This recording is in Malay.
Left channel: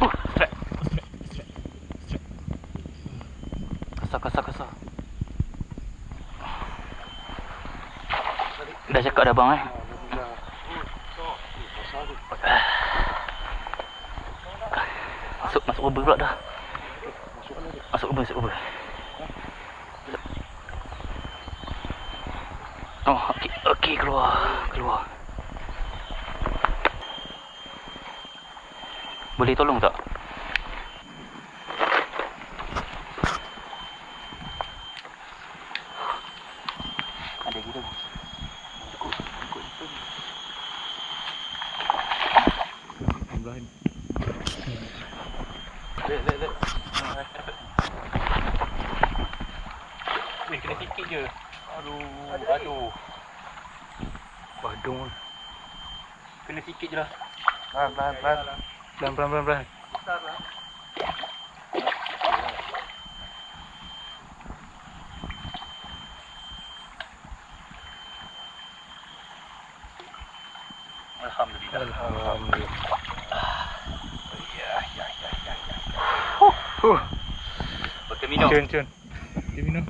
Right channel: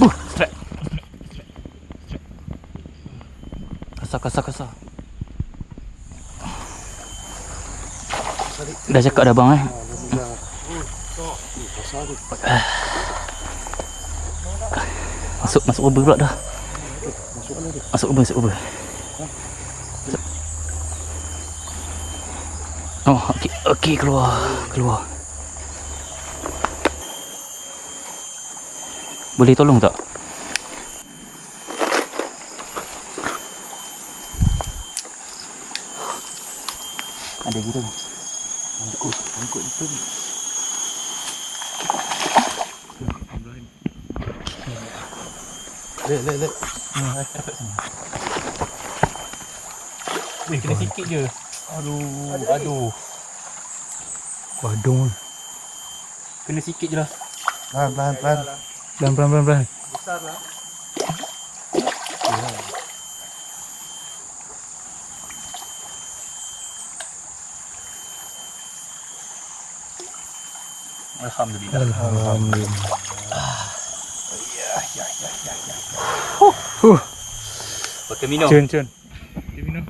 Strike. Kasar. Dah cakap dah bang Masuk ubah pula dah. Masuk ubah. Oh, okey keluar. Boleh tolong tak? Ada gitu. Angkut itu. Ambil. Let. Kena sikit je. Aduh. Badung. Kena sikit je lah. Pelan. Besar lah. Alhamdulillah. Ya. Pakai minum. Cun. Dia minum.